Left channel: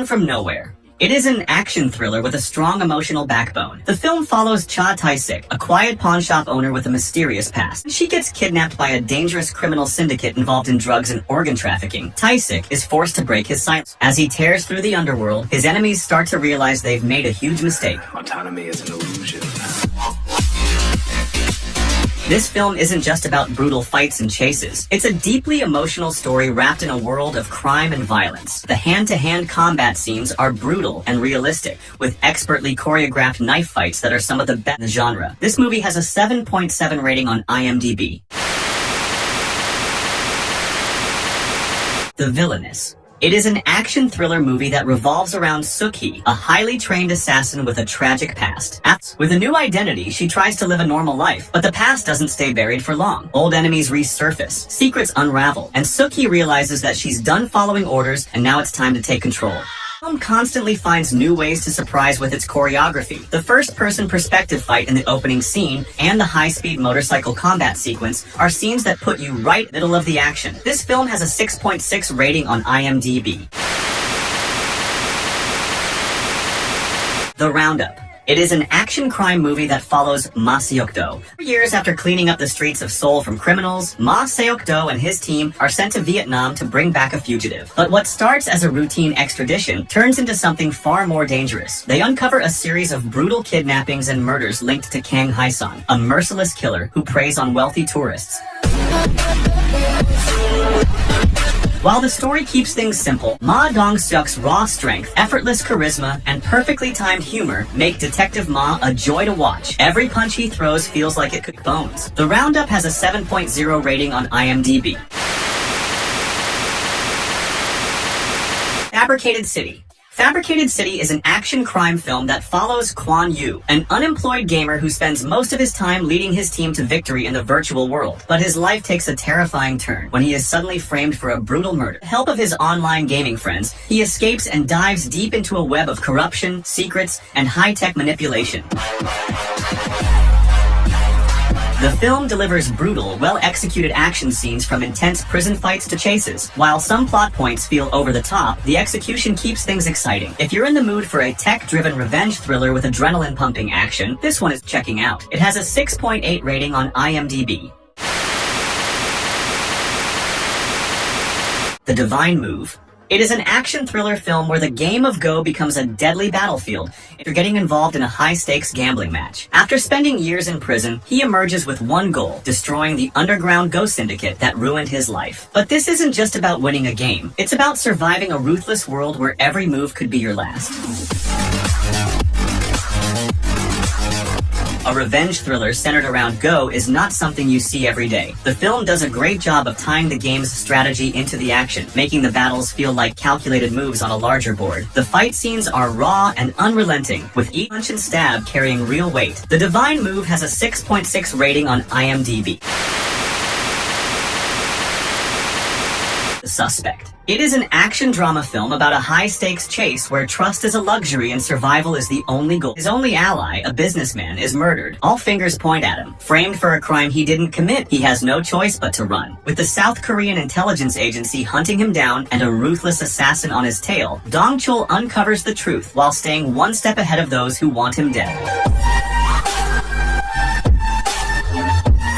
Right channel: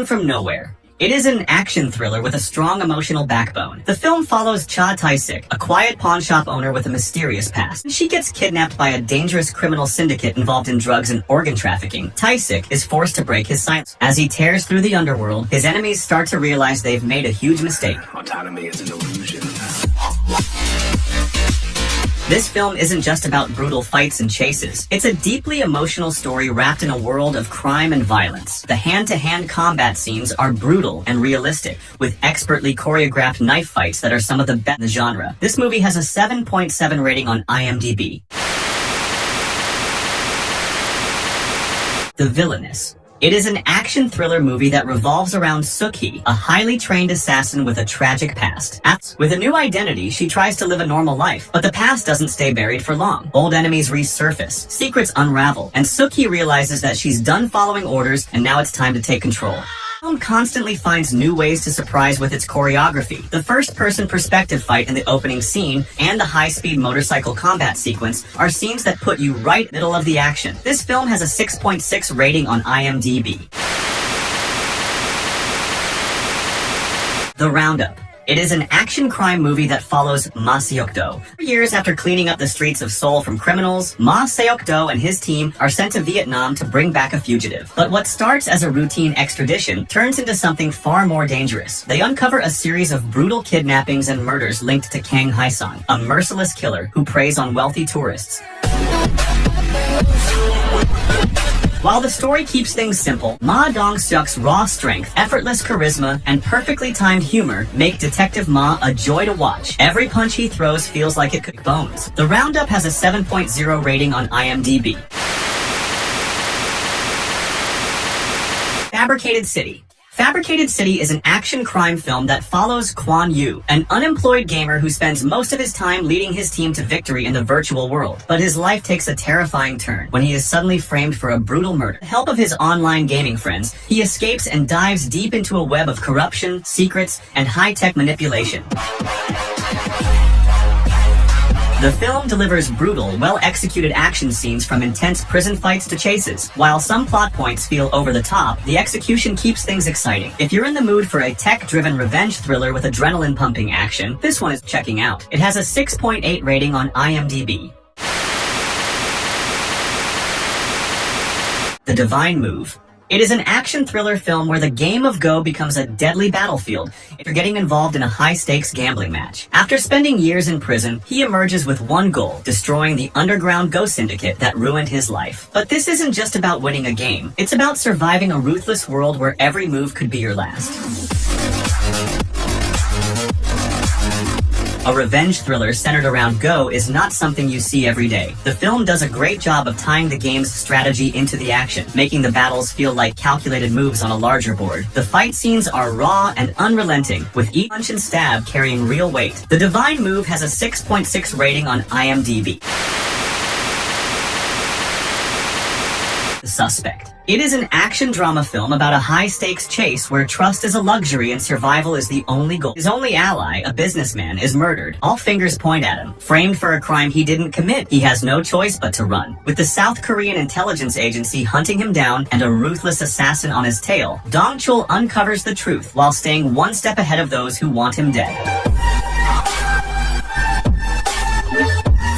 Man from Nowhere. It is an action thriller with a strong emotional backbone. The film follows Cha Tae-sik, a quiet pawn shop owner with a mysterious past. She gets kidnapped by a dangerous criminal syndicate involved in drugs and organ trafficking. Tae-sik is forced to break his silence. As he tears through the underworld, his enemies start to realize they've made a huge mistake. Autonomy is an illusion. This film isn't just about brutal fights and chases. It's a deeply emotional story wrapped in a world of crime and violence. The hand-to-hand combat scenes are brutal and realistic, with expertly choreographed knife fights that are some of the best in the genre. This movie has a 7.7 rating on IMDb. The Villainess. It is an action thriller movie that revolves around Suk-hee, a highly trained assassin with a tragic past. With a new identity, she tries to live a normal life, but the past doesn't stay buried for long. Old enemies resurface, secrets unravel, and Suk-hee realizes that she's done following orders and now it's time to take control. The film constantly finds new ways to surprise with its choreography. The first-person perspective fight in the opening scene and the high-speed motorcycle combat sequence are scenes that put you right in the middle of the action. This film has a 6.6 rating on IMDb. The Roundup. It is an action crime movie that follows Ma Seok-do. 4 years after cleaning up the streets of Seoul from criminals, Ma Seok-do and his team are sent to Vietnam to bring back a fugitive. But what starts as a routine extradition turns into something far more dangerous. They uncover a series of brutal kidnappings and murders linked to Kang Hae-sung, a merciless killer who preys on wealthy tourists. While the story keeps things simple, Ma Dong-seok's raw strength, effortless charisma, and perfectly timed humor make Detective Ma a joy to watch. Every punch he throws feels like it could bones. The Roundup has a 7.0 rating on IMDb. Fabricated City. Fabricated City is an action crime film that follows Kwon Yu, an unemployed gamer who spends most of his time leading his team to victory in the virtual world. But his life takes a terrifying turn when he is suddenly framed for a brutal murder. With the help of his online gaming friends, he escapes and dives deep into a web of corruption, secrets, and high-tech manipulation. The film delivers brutal, well-executed action scenes from intense prison fights to chases. While some plot points feel over the top, the execution keeps things exciting. If you're in the mood for a tech-driven revenge thriller with adrenaline-pumping action, this one is checking out. It has a 6.8 rating on IMDb. The Divine Move. It is an action thriller film where the game of Go becomes a deadly battlefield if you're getting involved in a high-stakes gambling match. After spending years in prison, he emerges with one goal: destroying the underground Go syndicate that ruined his life. But this isn't just about winning a game. It's about surviving a ruthless world where every move could be your last. A revenge thriller centered around Go is not something you see every day. The film does a great job of tying the game's strategy into the action, making the battles feel like calculated moves on a larger board. The fight scenes are raw and unrelenting, with each punch and stab carrying real weight. The Divine Move has a 6.6 rating on IMDb. The Suspect. It is an action drama film about a high-stakes chase where trust is a luxury and survival is the only goal. His only ally, a businessman, is murdered. All fingers point at him. Framed for a crime he didn't commit, he has no choice but to run. With the South Korean intelligence agency hunting him down and a ruthless assassin on his tail, Dong-chul uncovers the truth while staying one step ahead of those who want him dead.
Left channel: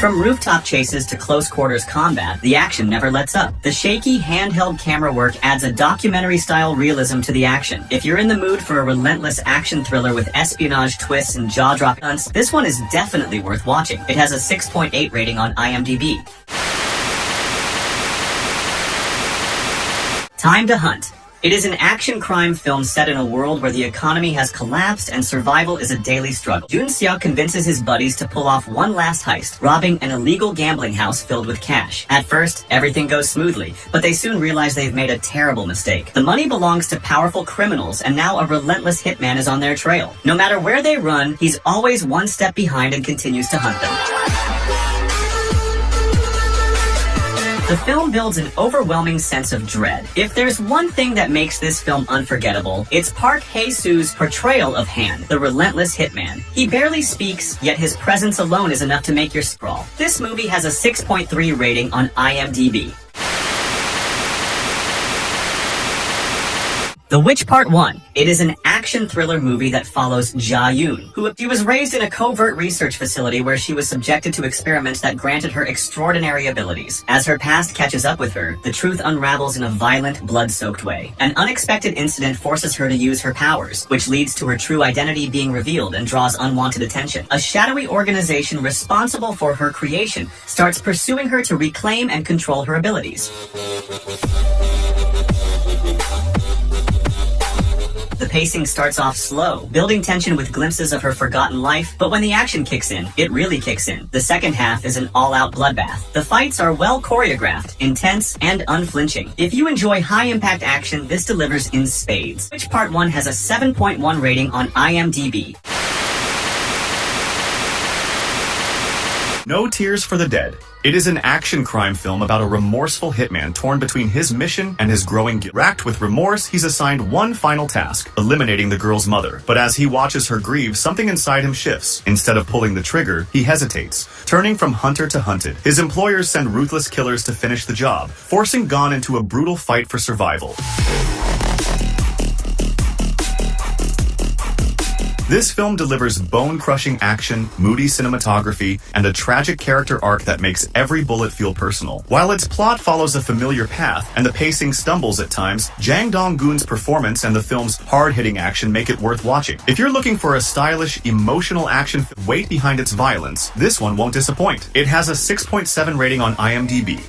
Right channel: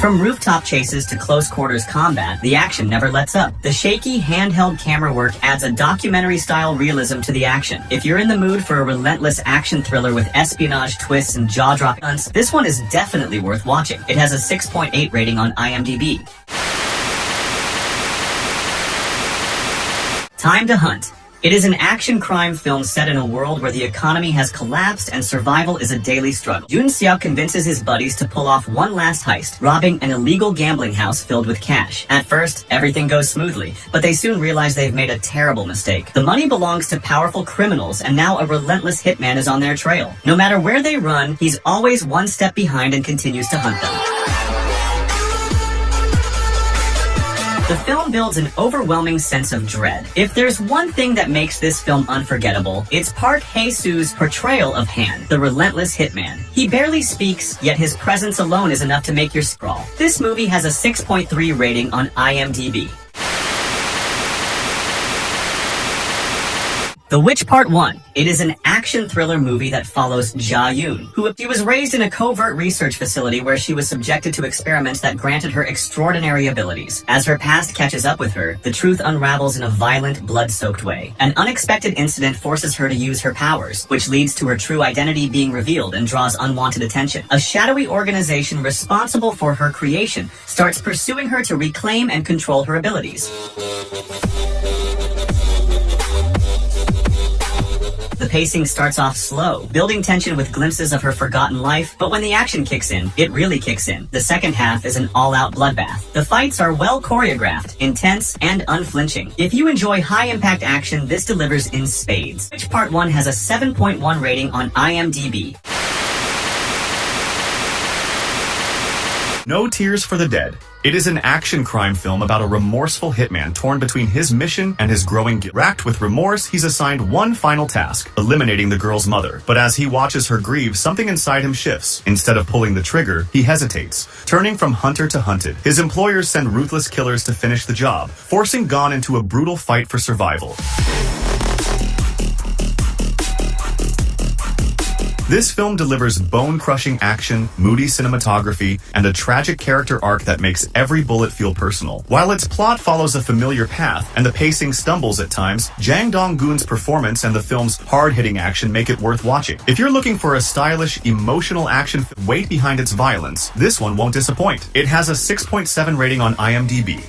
From rooftop chases to close-quarters combat, the action never lets up. The shaky, handheld camera work adds a documentary-style realism to the action. If you're in the mood for a relentless action thriller with espionage twists and jaw-dropping stunts, this one is definitely worth watching. It has a 6.8 rating on IMDb. Time to Hunt. It is an action crime film set in a world where the economy has collapsed and survival is a daily struggle. Jun Seok convinces his buddies to pull off one last heist, robbing an illegal gambling house filled with cash. At first, everything goes smoothly, but they soon realize they've made a terrible mistake. The money belongs to powerful criminals, and now a relentless hitman is on their trail. No matter where they run, he's always one step behind and continues to hunt them. The film builds an overwhelming sense of dread. If there's one thing that makes this film unforgettable, it's Park Hae-soo's portrayal of Han, the relentless hitman. He barely speaks, yet his presence alone is enough to make you scrawl. This movie has a 6.3 rating on IMDb. The Witch Part 1. It is an action thriller movie that follows Ja-yoon, she was raised in a covert research facility where she was subjected to experiments that granted her extraordinary abilities. As her past catches up with her, the truth unravels in a violent, blood-soaked way. An unexpected incident forces her to use her powers, which leads to her true identity being revealed and draws unwanted attention. A shadowy organization responsible for her creation starts pursuing her to reclaim and control her abilities. The pacing starts off slow, building tension with glimpses of her forgotten life, but when the action kicks in, it really kicks in. The second half is an all-out bloodbath. The fights are well choreographed, intense, and unflinching. If you enjoy high-impact action, this delivers in spades. Which Part 1 has a 7.1 rating on IMDb. No Tears for the Dead. It is an action crime film about a remorseful hitman torn between his mission and his growing guilt. Racked with remorse, he's assigned one final task, eliminating the girl's mother. But as he watches her grieve, something inside him shifts. Instead of pulling the trigger, he hesitates, turning from hunter to hunted. His employers send ruthless killers to finish the job, forcing Gon into a brutal fight for survival. This film delivers bone-crushing action, moody cinematography, and a tragic character arc that makes every bullet feel personal. While its plot follows a familiar path and the pacing stumbles at times, Jang Dong-gun's performance and the film's hard-hitting action make it worth watching. If you're looking for a stylish, emotional action with weight behind its violence, this one won't disappoint. It has a 6.7 rating on IMDb.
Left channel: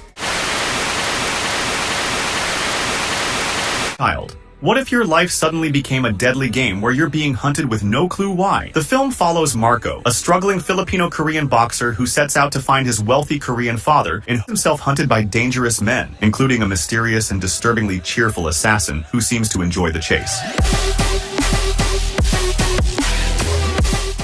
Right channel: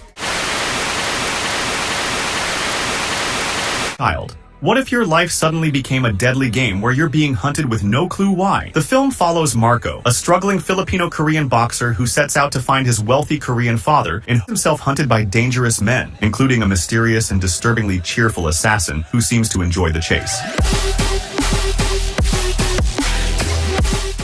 Child. What if your life suddenly became a deadly game where you're being hunted with no clue why? The film follows Marco, a struggling Filipino-Korean boxer who sets out to find his wealthy Korean father and himself hunted by dangerous men, including a mysterious and disturbingly cheerful assassin who seems to enjoy the chase.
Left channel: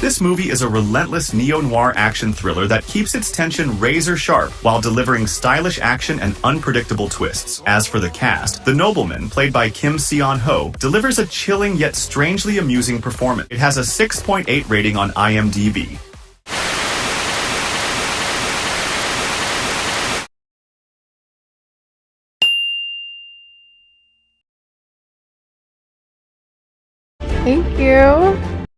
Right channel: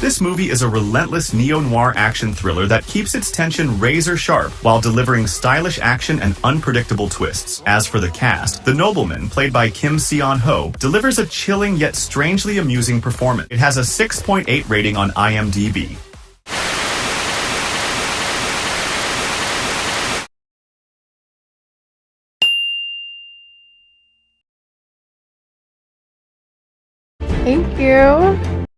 This movie is a relentless neo-noir action thriller that keeps its tension razor-sharp while delivering stylish action and unpredictable twists. As for the cast, the nobleman, played by Kim Seon-ho, delivers a chilling yet strangely amusing performance. It has a 6.8 rating on IMDb. Thank you.